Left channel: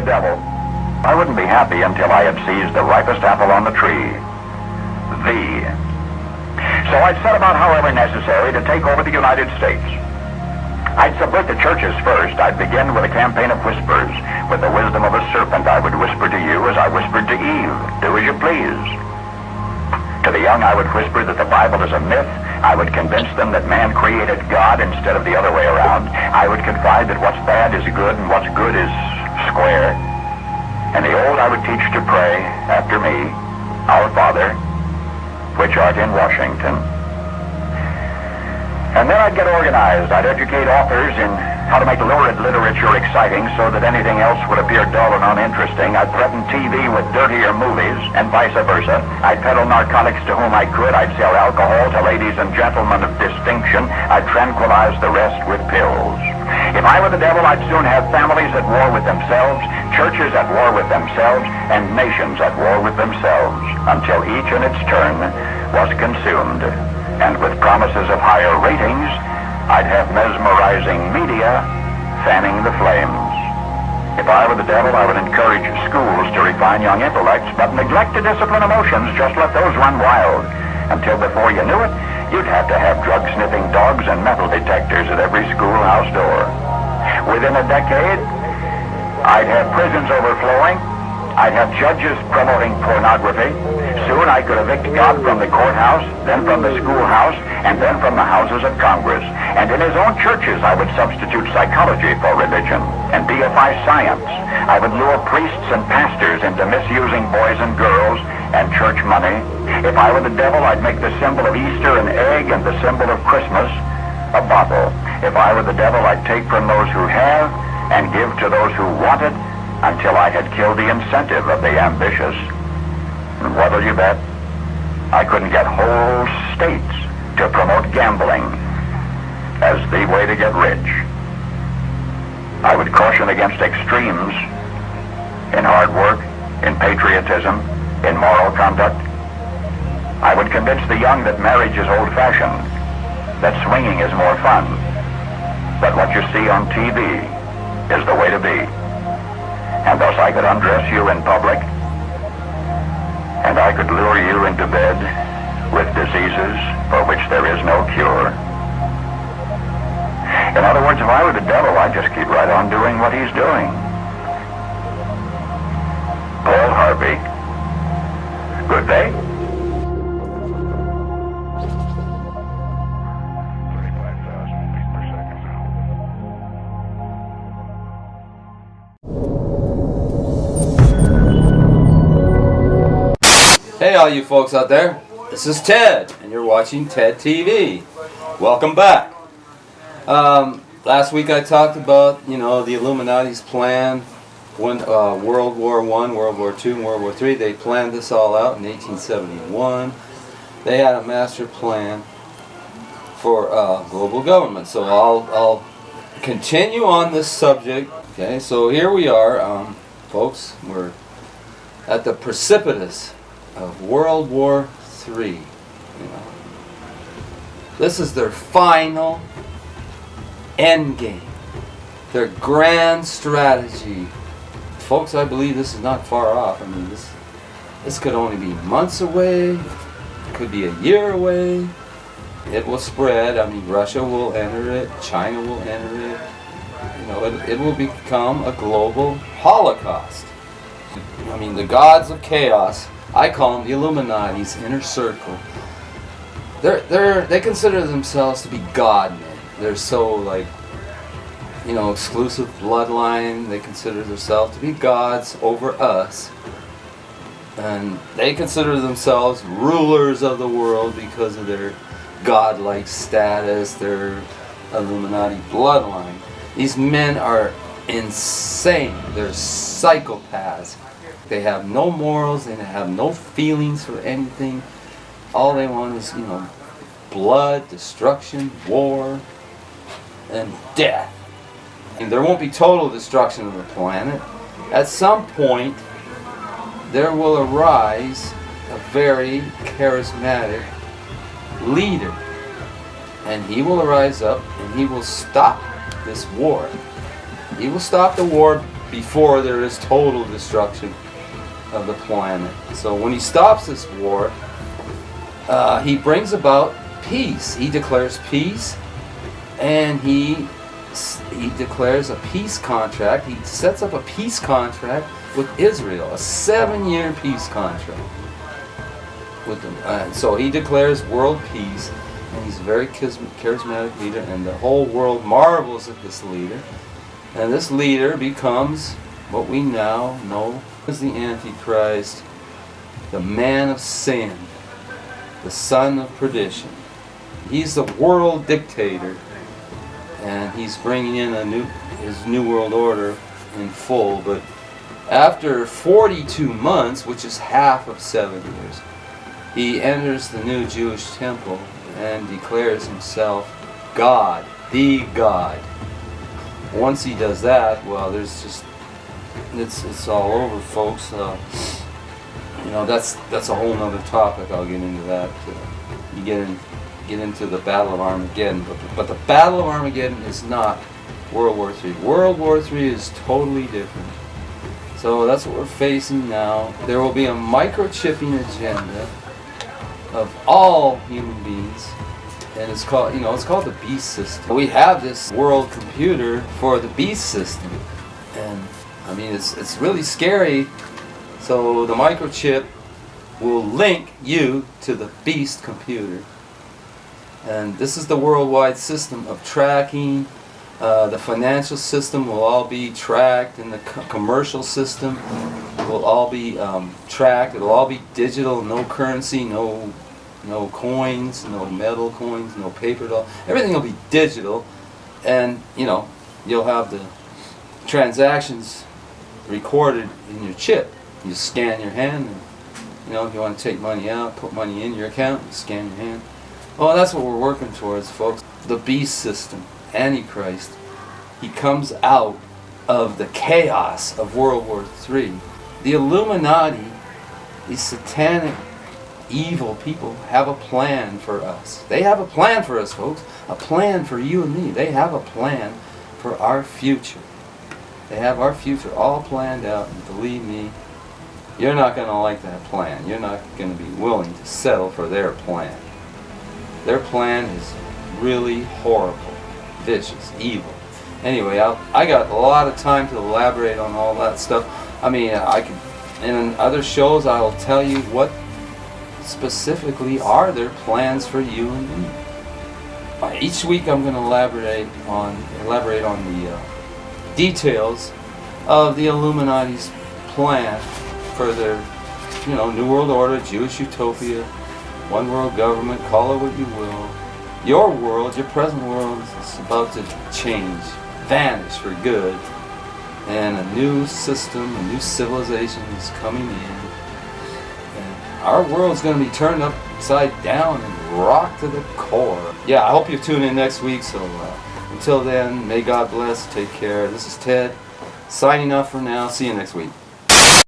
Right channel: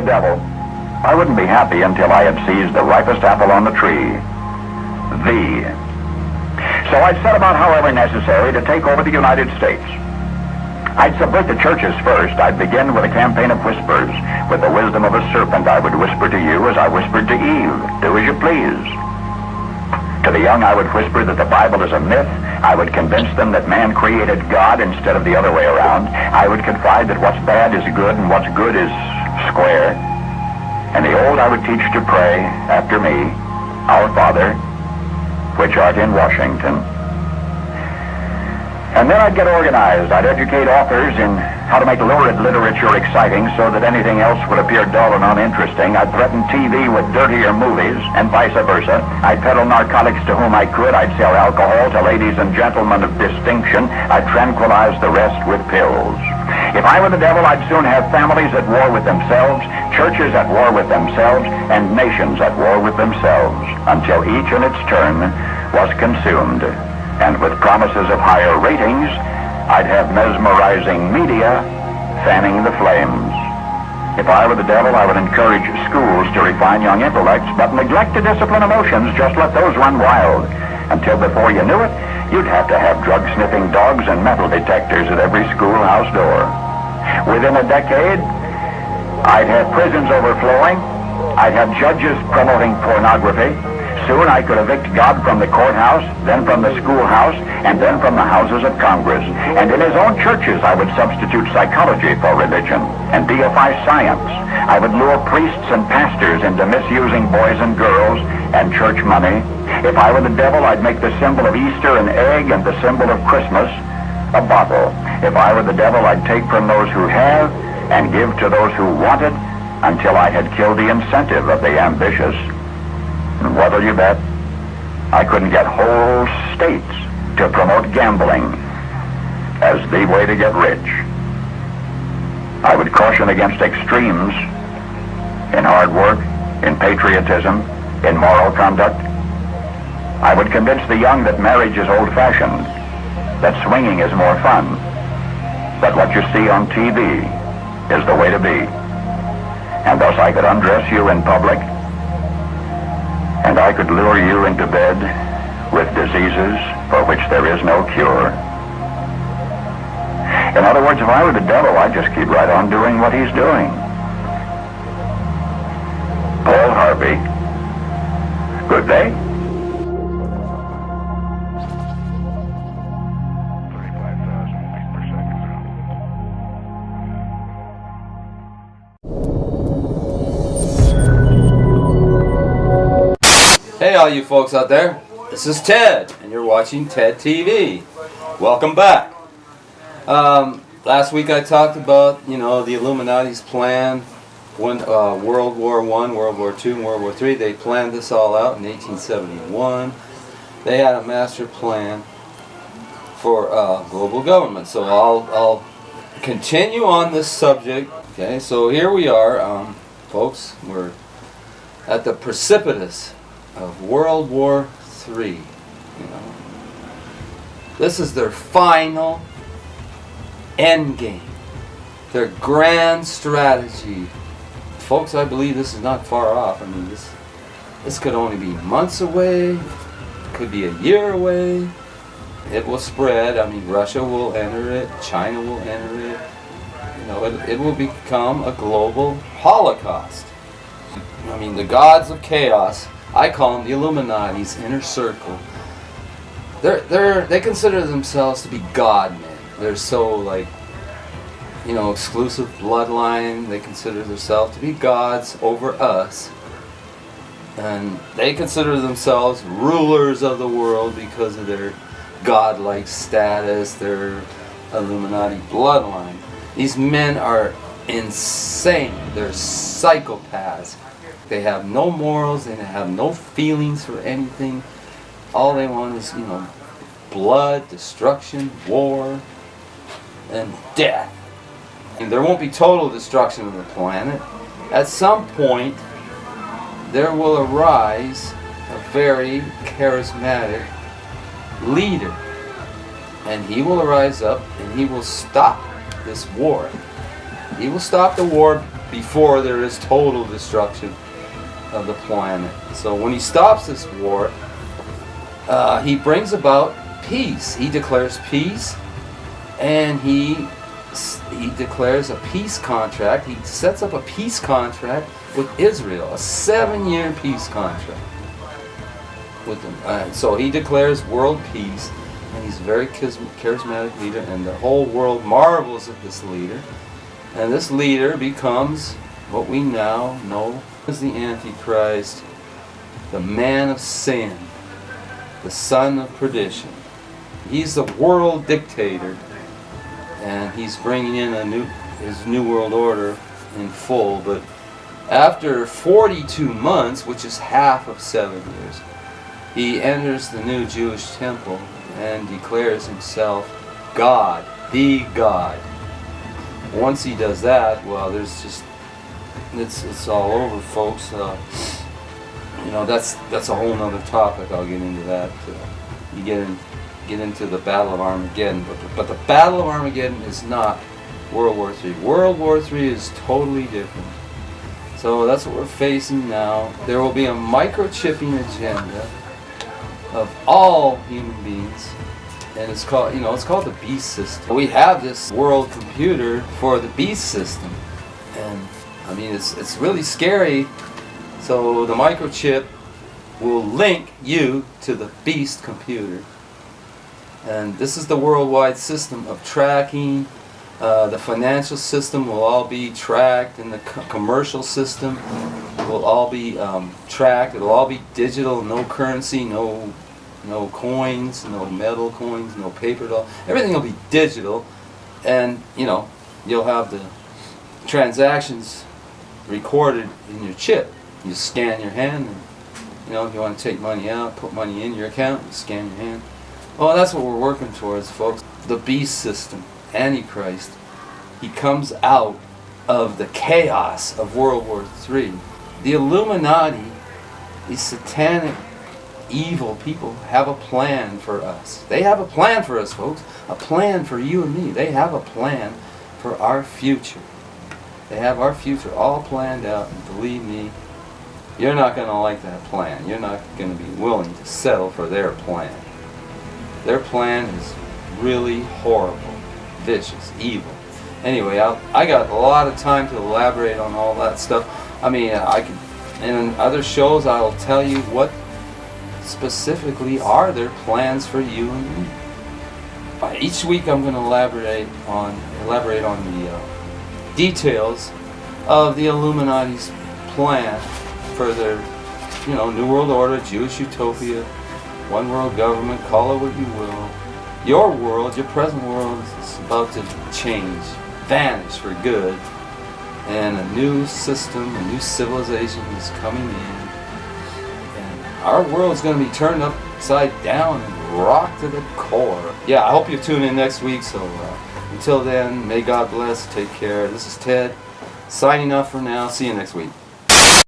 the devil, I wouldn't be happy until I had seized the ripest apple on the tree. Thee. So I set about however necessary to take over the United States. I'd subvert the churches first. I'd begin with a campaign of whispers. With the wisdom of a serpent, I would whisper to you as I whispered to Eve. Do as you please. To the young, I would whisper that the Bible is a myth. I would convince them that man created God instead of the other way around. I would confide that what's bad is good and what's good is square. And the old I would teach to pray after me, Our Father, which art in Washington. And then I'd get organized. I'd educate authors in how to make lurid literature exciting so that anything else would appear dull and uninteresting. I'd threaten TV with dirtier movies, and vice versa. I'd peddle narcotics to whom I could. I'd sell alcohol to ladies and gentlemen of distinction. I'd tranquilize the rest with pills. If I were the devil, I'd soon have families at war with themselves, churches at war with themselves, and nations at war with themselves, until each in its turn was consumed. And with promises of higher ratings, I'd have mesmerizing media fanning the flames. If I were the devil, I would encourage schools to refine young intellects, but neglect to discipline emotions, just let those run wild. Until before you knew it, you'd have to have drug-sniffing dogs and metal detectors at every schoolhouse door. Within a decade, I'd have prisons overflowing. I'd have judges promoting pornography. Soon I could evict God from the courthouse, then from the schoolhouse, and then from the houses of Congress. And in his own churches I would substitute psychology for religion and deify science. I would lure priests and pastors into misusing boys and girls and church money. If I were the devil, I'd make the symbol of Easter an egg and the symbol of Christmas a bottle. If I were the devil, I'd take from those who have and give to those who want it until I had killed the incentive of the ambitious. And what'll you bet? I couldn't get whole states to promote gambling as the way to get rich. I would caution against extremes in hard work, in patriotism, in moral conduct. I would convince the young that marriage is old-fashioned, that swinging is more fun, that what you see on TV is the way to be. And thus I could undress you in public, and I could lure you into bed with diseases for which there is no cure. In other words, if I were the devil, I'd just keep right on doing what he's doing. Paul Harvey. Good day. 35,000 feet per second now. Hey all you folks out there, this is Ted, and you're watching TedTv. Welcome back. Last week I talked about, the Illuminati's plan when World War I, World War II, and World War III. They planned this all out in 1871. They had a master plan for global government. So I'll continue on this subject. Okay, so here we are, folks. We're at the precipice of World War III. This is their final end game, their grand strategy. Folks, I believe this is not far off. I mean, this could only be months away, could be a year away. It will spread. I mean, Russia will enter it, China will enter it. It will become a global holocaust. I mean, the gods of chaos, I call them the Illuminati's inner circle. They consider themselves to be God men. They're so exclusive bloodline. They consider themselves to be gods over us. And they consider themselves rulers of the world because of their godlike status, their Illuminati bloodline. These men are insane. They're psychopaths. They have no morals. They have no feelings for anything. All they want is, blood, destruction, war, and death. And there won't be total destruction of the planet. At some point, there will arise a very charismatic leader. And he will arise up and he will stop this war. He will stop the war before there is total destruction of the planet. So when he stops this war, he brings about peace. He declares peace, and he declares a peace contract. He sets up a peace contract with Israel, a 7-year peace contract with them. So he declares world peace, and he's a very charismatic leader, and the whole world marvels at this leader. And this leader becomes what we now know as the Antichrist, the man of sin, the son of perdition. He's the world dictator, and he's bringing in his new world order in full. But after 42 months, which is half of 7 years, he enters the new Jewish temple and declares himself God, the God. Once he does that, well, there's just it's all over, folks. You know, that's a whole nother topic. I'll get into that. You get into the Battle of Armageddon, but the Battle of Armageddon is not World War III. World War III is totally different. So that's what we're facing now. There will be a microchipping agenda of all human beings, and it's called the beast system. We have this world computer for the beast system, and I mean it's really scary. So the microchip will link you to the beast computer, and this is the worldwide system of tracking. The financial system will all be tracked, and the commercial system will all be tracked. It'll all be digital, no currency, no coins, no metal coins, no paper doll. Everything will be digital, and you'll have the transactions recorded in your chip. You scan your hand, and if you want to take money out, put money in your account, you scan your hand. Well, that's what we're working towards, folks. The beast system, Antichrist. He comes out of the chaos of World War III. The Illuminati, these satanic, evil people, have a plan for us. They have a plan for us, folks. A plan for you and me. They have a plan for our future. They have our future all planned out, and believe me, you're not going to like that plan. You're not going to be willing to settle for their plan. Their plan is really horrible, vicious, evil. Anyway, I got a lot of time to elaborate on all that stuff. I mean, I could, in other shows, I'll tell you what specifically are their plans for you and me. Each week, I'm going to elaborate on the details of the Illuminati's plan for their, New World Order, Jewish utopia, one world government, call it what you will. Your world, your present world, is about to change, vanish for good, and a new system, a new civilization is coming in, and our world's going to be turned upside down and rocked to the core. Yeah, I hope you tune in next week, so until then, may God bless, take care. This is Ted, signing off for now. See you next week.